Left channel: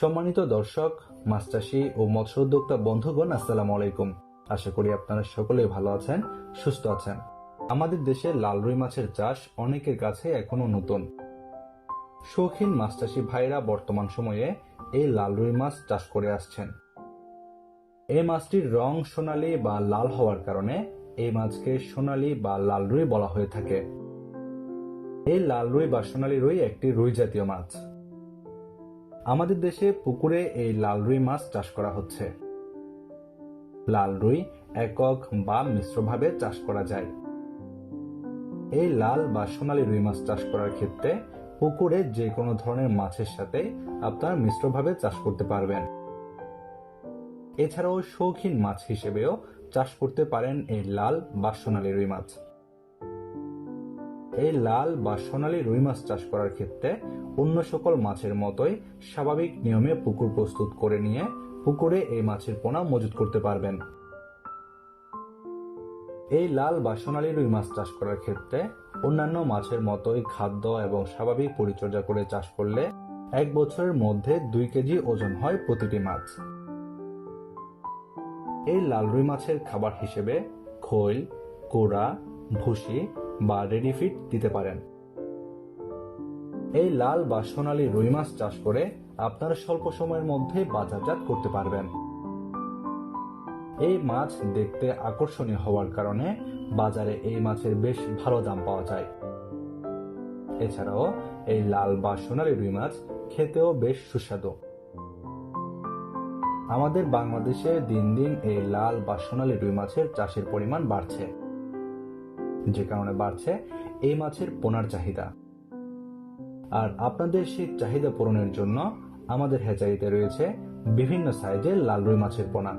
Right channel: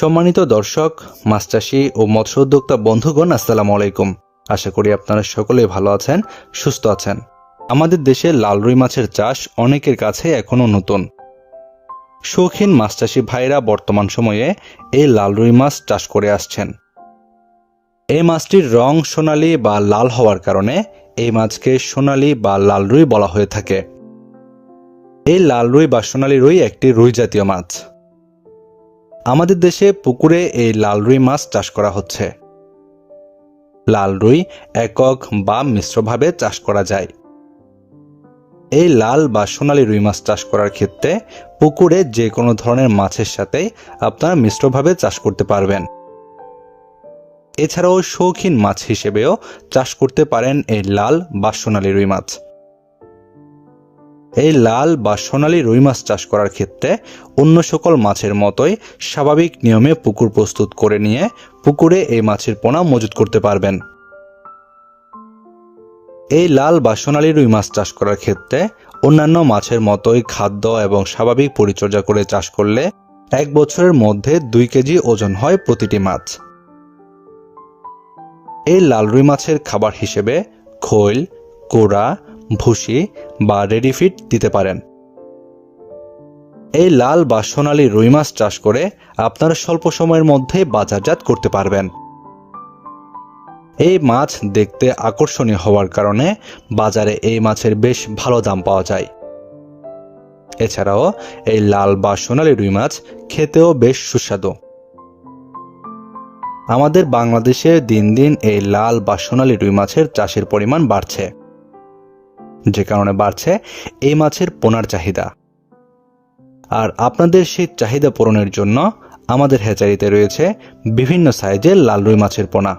সম্মানিত দর্শক, মাছ চাষী ও মৎস্য উদ্যোক্তা বন্ধুগণ, আসসালামু আলাইকুম। আশা করি আপনারা সকলেই ভালো আছেন, সুস্থ আছেন। আমাদের দেশে লাল রুই মাছের চাষ অনেকের কাছে এখনও নতুন। শৌখিন মাছ চাষী ভাইরা বর্তমান সময়ে এই লাল রুই মাছ চাষ করে আসছেন। এই মাছটির রং সোনালী বা লাল হওয়ার কারণে এই মাছকে সোনালী বা লাল রুই বলা হয়ে থাকে। এই লাল রুই বা সোনালী রুই একটি রুই জাতীয় মাছ। আমাদের দেশে পুকুরে এই লাল রুই মাছ চাষ করা হচ্ছে। লাল রুই একক বা মিশ্রভাবে চাষ করা যায়। এই লাল বা সোনালী রুই মাছ চাষ করার ক্ষেত্রে পুকুরে যে কোনো ধরনের মাছের সাথে আপনারা মিশ্রভাবে চাষ করতে পারবেন। এছাড়াও শৌখিন মাছ হিসেবেও চাষ করতে পারেন এই লাল বা সোনালী রুই মাছ। এই লাল বা সোনালী রুই মাছ চাষ করার ক্ষেত্রে অন্য সকল মাছের মতোই স্বাভাবিক নিয়মে পুকুর প্রস্তুত করে নিয়ে পুকুরে এই মাছের পোনা মজুত করতে পারবেন। এই লাল বা সোনালী রুই মাছ চাষ করার ক্ষেত্রে অন্যান্য মাছের মতোই খাদ্য এবং স্বাভাবিক পরিচর্যা করে চাষ করলে 1 বছরের মধ্যে 2 কেজি ওজন হয় প্রতিটি মাছ। এই লাল রুই মাছের খাবার হিসেবে খৈল, কোড়া, ভুসি বা রেডি ফিড দিতে পারেন। এই লাল বা সোনালী রুই মাছ চাষ করে আপনারা স্বল্প সময়ের মধ্যে বাজারজাত করতে পারবেন। এই মাছ দেখতে আকর্ষণীয় হওয়ার কারণে বাজারে এই মাছের বেশ ভালো দাম পাওয়া যায়। এছাড়াও এই লাল বা সোনালী রুই মাছ খেতেও বেশ সুস্বাদু। আমাদের বাংলাদেশে দিন দিন এই লাল বা সোনালী রুই মাছের চাষের পরিমাণ বাড়ছে, যে কারণে বাড়ছে এই মাছের পোনার চাহিদা। আর আপনাদের সেই চাহিদা পূরণের জন্য আমাদের হ্যাচারিতে রয়েছে বিভিন্ন সাইজের লাল রুই মাছের পোনা।